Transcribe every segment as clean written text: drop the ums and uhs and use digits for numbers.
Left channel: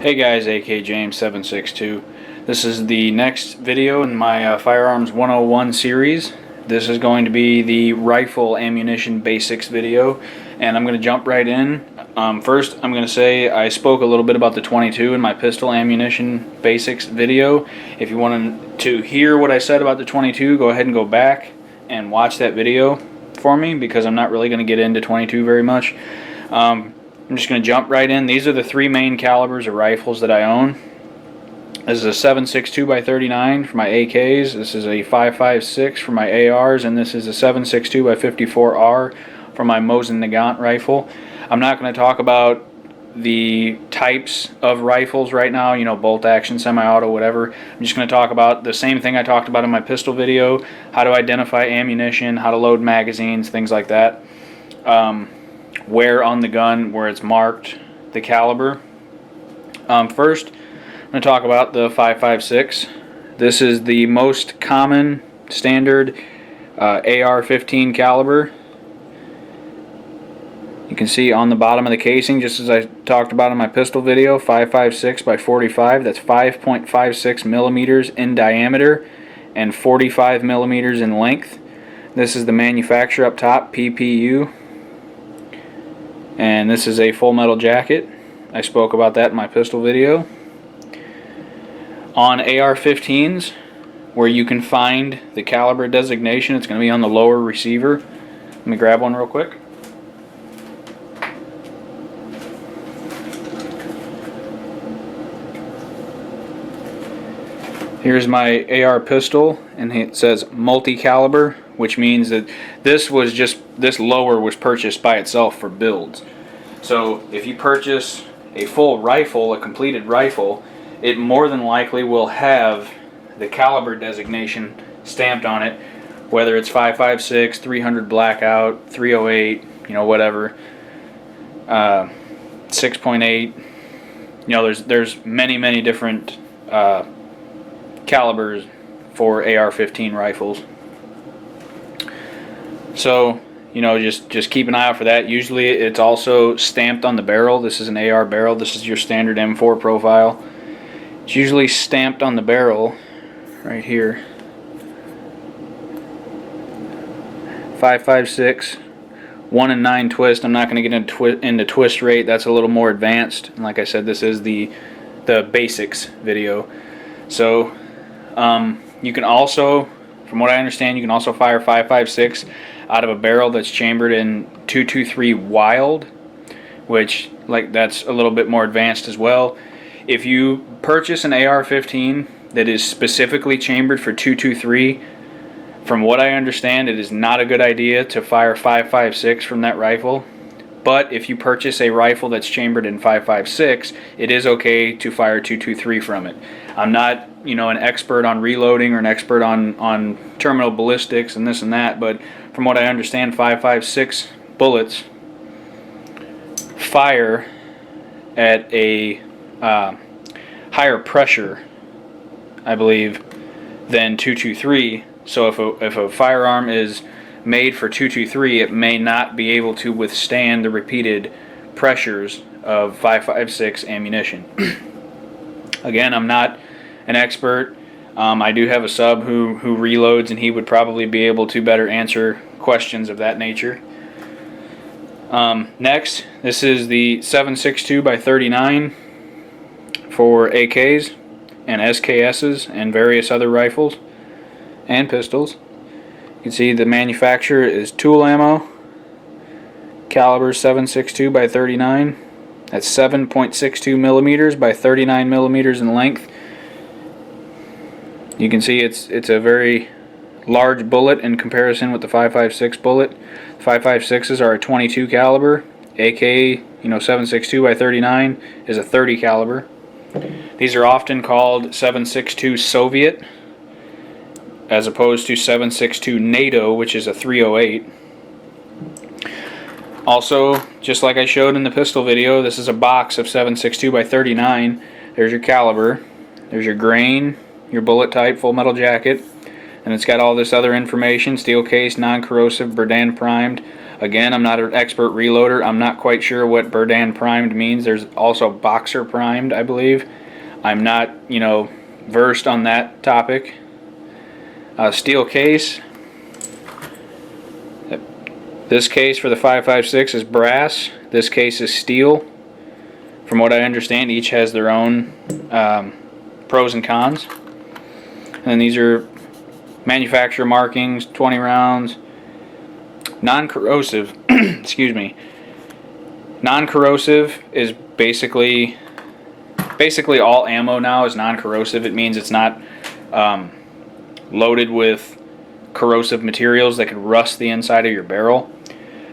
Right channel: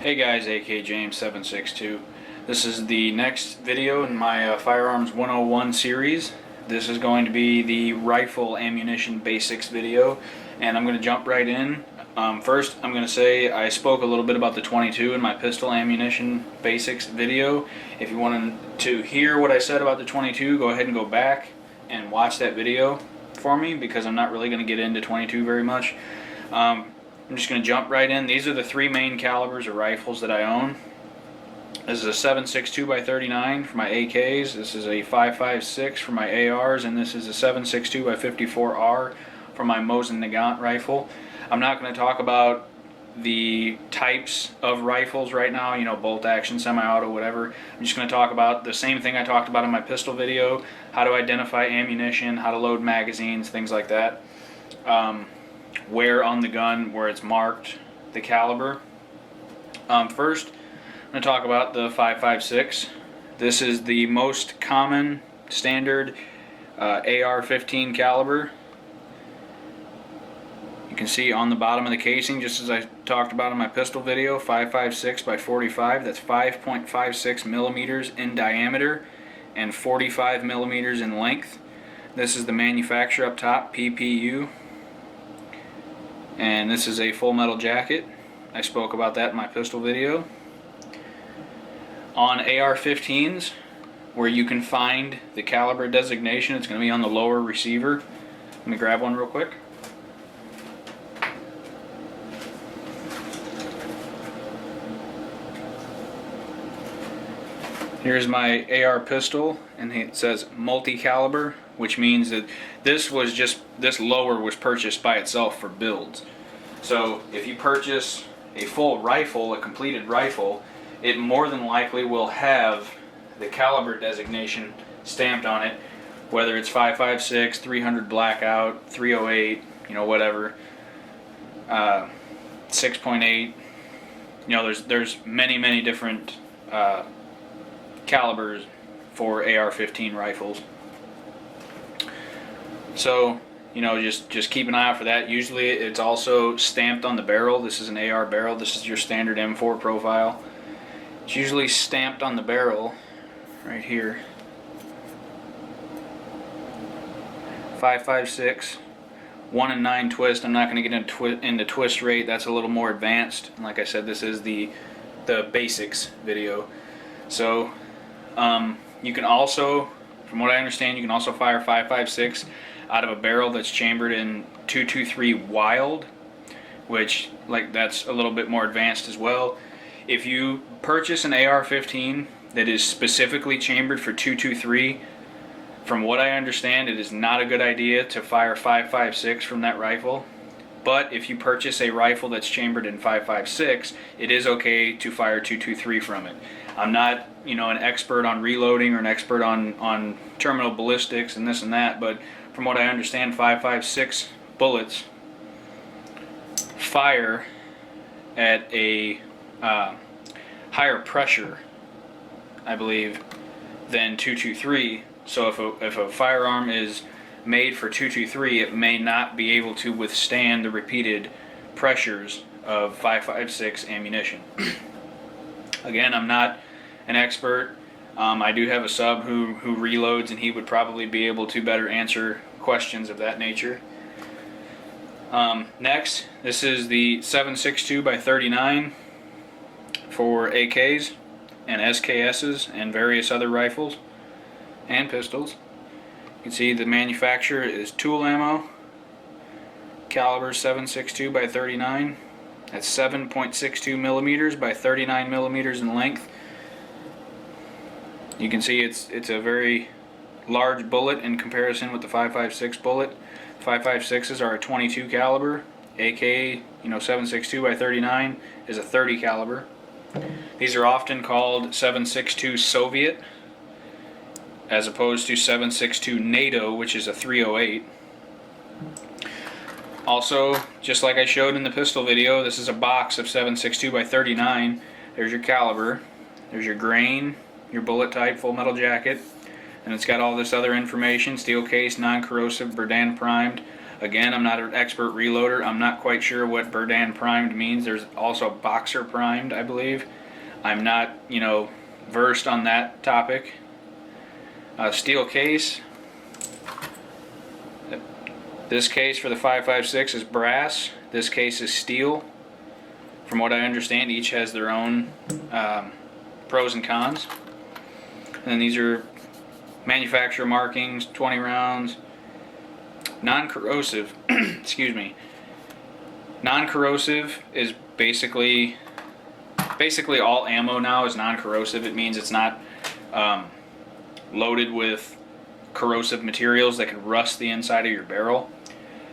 Hey guys, AK James 762. This is the next video in my Firearms 101 series. This is going to be the rifle ammunition basics video, and I'm going to jump right in. First, I'm going to say I spoke a little bit about the 22 in my pistol ammunition basics video. If you want to hear what I said about the 22, go ahead and go back and watch that video for me, because I'm not really going to get into 22 very much. I'm just going to jump right in. These are the three main calibers of rifles that I own. This is a 7.62 by 39 for my AKs. This is a 5.56 for my ARs, and this is a 7.62 by 54R for my Mosin Nagant rifle. I'm not going to talk about the types of rifles right now, you know, bolt action, semi-auto, whatever. I'm just going to talk about the same thing I talked about in my pistol video: how to identify ammunition, how to load magazines, things like that. Where on the gun, where it's marked, the caliber. First, I'm going to talk about the 5.56. This is the most common standard AR-15 caliber. You can see on the bottom of the casing, just as I talked about in my pistol video, 5.56 by 45. That's 5.56 millimeters in diameter and 45 millimeters in length. This is the manufacturer up top, PPU. And this is a full metal jacket. I spoke about that in my pistol video. On AR-15s, where you can find the caliber designation, it's going to be on the lower receiver. Let me grab one real quick. Here's my AR pistol, and it says multi-caliber, which means that this lower was purchased by itself for builds. So if you purchase a full rifle, a completed rifle, it more than likely will have the caliber designation stamped on it, whether it's 5.56, 300 blackout, 308, you know, whatever, 6.8. You know, there's many different calibers for AR-15 rifles. So, you know, just keep an eye out for that. Usually it's also stamped on the barrel. This is an AR barrel. This is your standard M4 profile. It's usually stamped on the barrel right here. 5.56, 1 and 9 twist. I'm not going to get into twist rate. That's a little more advanced. And like I said, this is the basics video. So you can also, from what I understand, you can also fire 5.56 out of a barrel that's chambered in .223 Wild, which, like, that's a little bit more advanced as well. If you purchase an AR-15 that is specifically chambered for .223, from what I understand, it is not a good idea to fire 5.56 from that rifle. But if you purchase a rifle that's chambered in 5.56, it is okay to fire .223 from it. I'm not, you know, an expert on reloading or an expert on terminal ballistics and this and that, but from what I understand, 5.56 bullets fire at a higher pressure, I believe, than .223. So if a firearm is made for .223, it may not be able to withstand the repeated pressures of 5.56 ammunition. Again, I'm not an expert. I do have a sub who reloads, and he would probably be able to better answer questions of that nature. Next, this is the 7.62 by 39 for AKs and SKSs and various other rifles and pistols. You can see the manufacturer is Tool Ammo. Caliber 7.62 by 39. That's 7.62 millimeters by 39 millimeters in length. You can see it's a very large bullet in comparison with the 5.56 bullet. 5.56s are a 22 caliber. AK, you know, 7.62 by 39 is a 30 caliber. These are often called 7.62 Soviet, as opposed to 7.62 NATO, which is a 308. Also, just like I showed in the pistol video, this is a box of 7.62 by 39. There's your caliber, there's your grain, your bullet type, full metal jacket, and it's got all this other information: steel case, non-corrosive, Berdan primed, Again, I'm not an expert reloader. I'm not quite sure what Berdan primed means. There's also Boxer primed, I believe. I'm not, versed on that topic. Steel case. This case for the 5.56 is brass. This case is steel. From what I understand, each has their own pros and cons. And these are manufacturer markings, 20 rounds. Non-corrosive, excuse me. Non-corrosive is basically all ammo now is non-corrosive. It means it's not loaded with corrosive materials that could rust the inside of your barrel.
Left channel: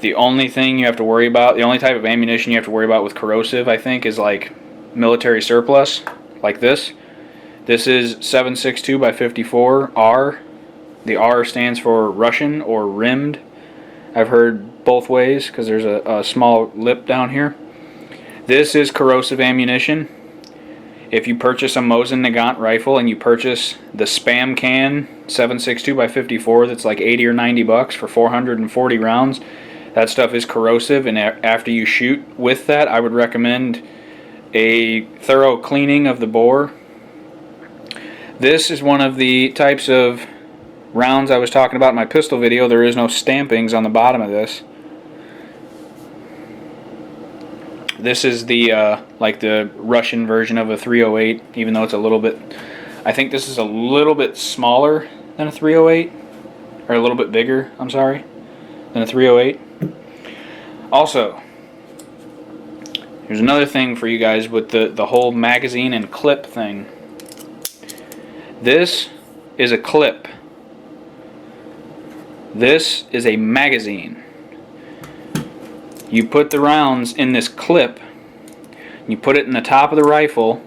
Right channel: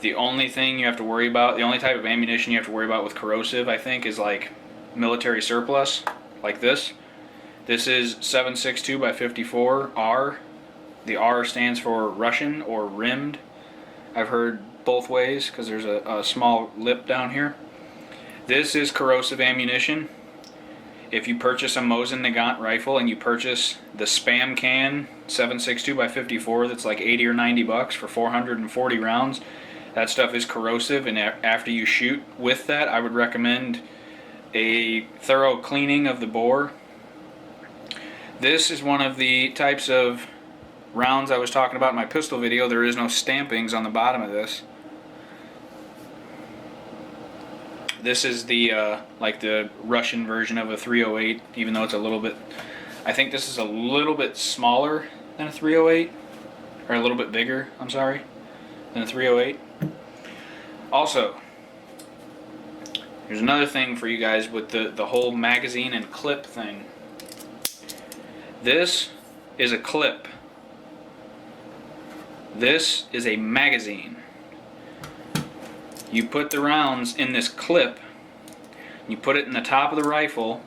The only thing you have to worry about, the only type of ammunition you have to worry about with corrosive, I think, is like military surplus, like this. This is 7.62 by 54 R. The R stands for Russian or rimmed. I've heard both ways because there's a small lip down here. This is corrosive ammunition. If you purchase a Mosin Nagant rifle and you purchase the Spam Can 7.62 by 54, that's like 80 or 90 bucks for 440 rounds. That stuff is corrosive, and after you shoot with that, I would recommend a thorough cleaning of the bore. This is one of the types of rounds I was talking about in my pistol video. There is no stampings on the bottom of this. This is the like the Russian version of a 308, even though it's a little bit, I think this is a little bit smaller than a 308, or a little bit bigger, I'm sorry, than a 308. Also, here's another thing for you guys with the whole magazine and clip thing. This is a clip. This is a magazine. You put the rounds in this clip, you put it in the top of the rifle,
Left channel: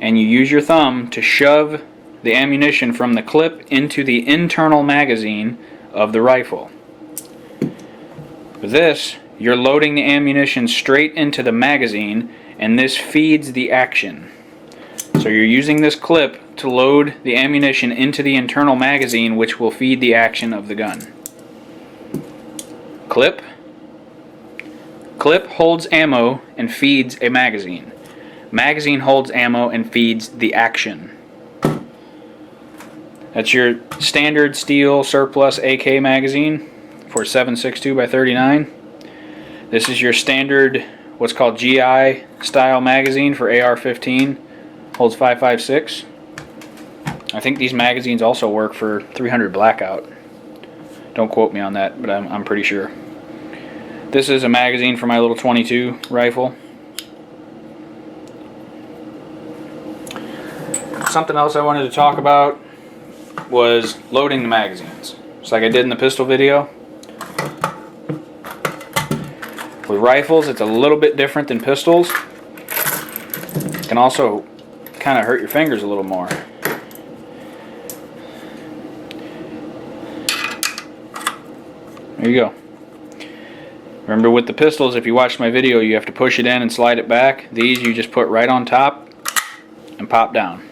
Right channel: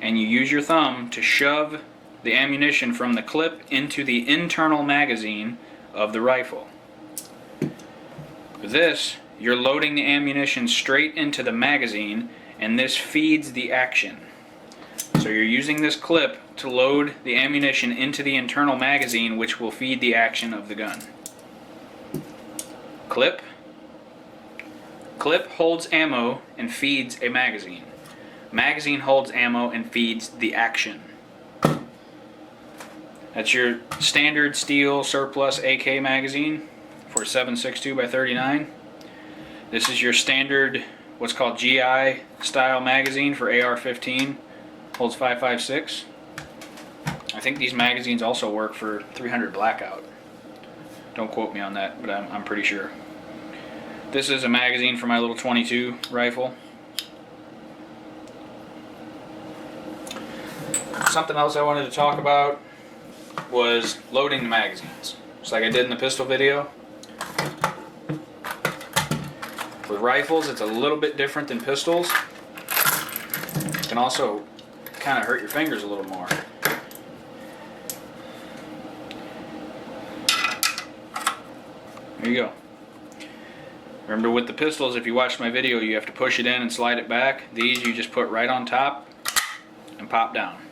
and you use your thumb to shove the ammunition from the clip into the internal magazine of the rifle. With this, you're loading the ammunition straight into the magazine, and this feeds the action. So you're using this clip to load the ammunition into the internal magazine, which will feed the action of the gun. Clip. Clip holds ammo and feeds a magazine. Magazine holds ammo and feeds the action. That's your standard steel surplus AK magazine for 7.62 by 39. This is your standard, what's called GI style magazine for AR-15. Holds 5.56. I think these magazines also work for 300 Blackout. Don't quote me on that, but I'm pretty sure. This is a magazine for my little 22 rifle. Something else I wanted to talk about was loading the magazines. Just like I did in the pistol video. With rifles, it's a little bit different than pistols. It can also kind of hurt your fingers a little more. There you go. Remember, with the pistols, if you watched my video, you have to push it in and slide it back. These you just put right on top and pop down.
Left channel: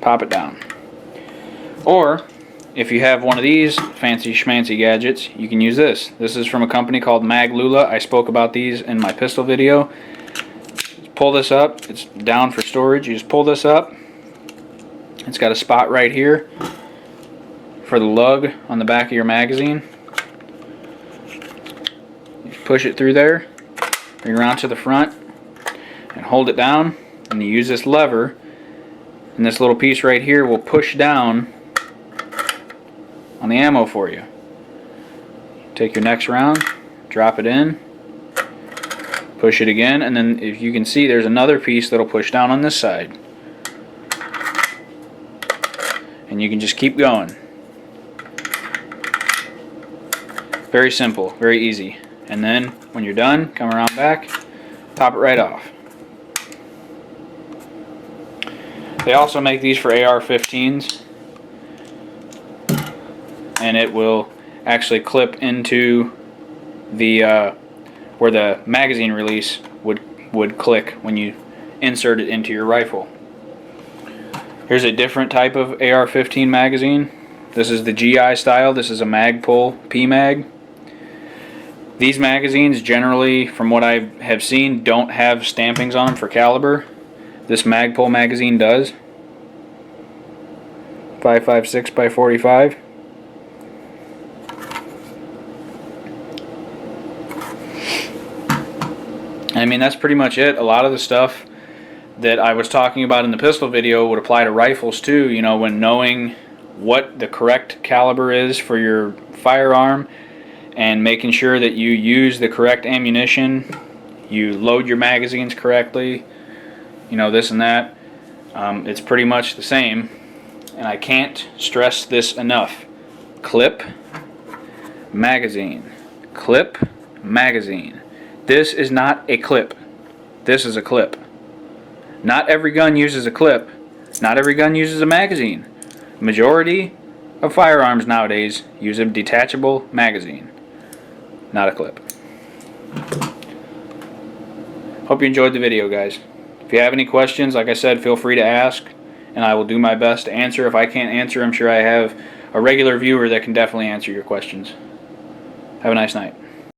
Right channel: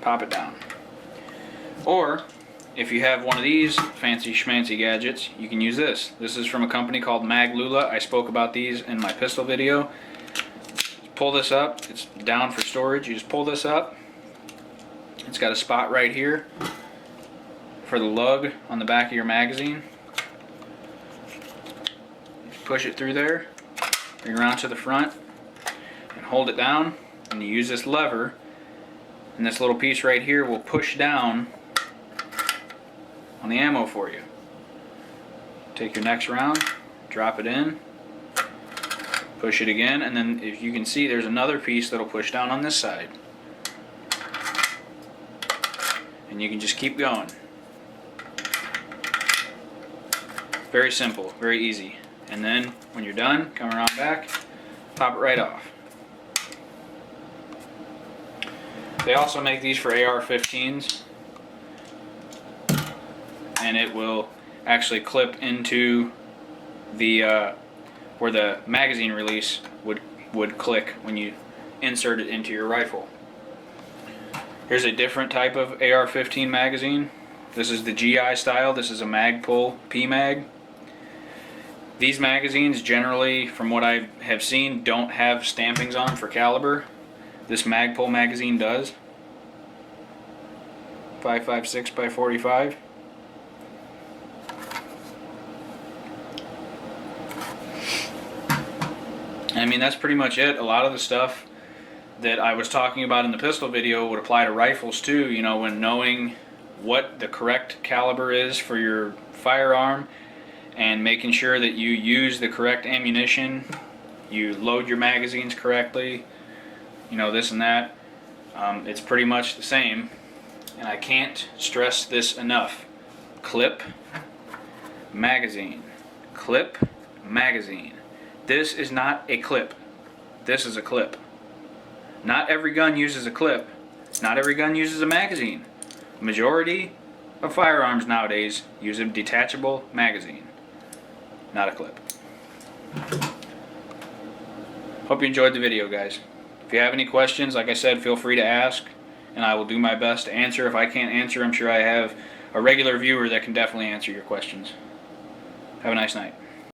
Pop it down. Or, if you have one of these fancy schmancy gadgets, you can use this. This is from a company called Maglula. I spoke about these in my pistol video. Pull this up. It's down for storage. You just pull this up. It's got a spot right here for the lug on the back of your magazine. Push it through there, bring it around to the front, and hold it down. And you use this lever, and this little piece right here will push down on the ammo for you. Take your next round, drop it in, push it again, and then if you can see, there's another piece that'll push down on this side. And you can just keep going. Very simple, very easy. And then when you're done, come around back, pop it right off. They also make these for AR-15s, and it will actually clip into the where the magazine release would click when you insert it into your rifle. Here's a different type of AR-15 magazine. This is the GI style. This is a Magpul P-Mag. These magazines generally, from what I have seen, don't have stampings on them for caliber. This Magpul magazine does. 5.56 by 45. I mean, that's pretty much it. A lot of the stuff that I was talking about in the pistol video would apply to rifles too. You know, when knowing what the correct caliber is for your firearm and making sure that you use the correct ammunition, you load your magazines correctly, you know, this and that. It's pretty much the same, and I can't stress this enough. Clip, magazine. Clip, magazine. This is not a clip. This is a clip. Not every gun uses a clip. Not every gun uses a magazine. Majority of firearms nowadays use a detachable magazine, not a clip. Hope you enjoyed the video, guys. If you have any questions, like I said, feel free to ask, and I will do my best to answer. If I can't answer, I'm sure I have a regular viewer that can definitely answer your questions. Have a nice night.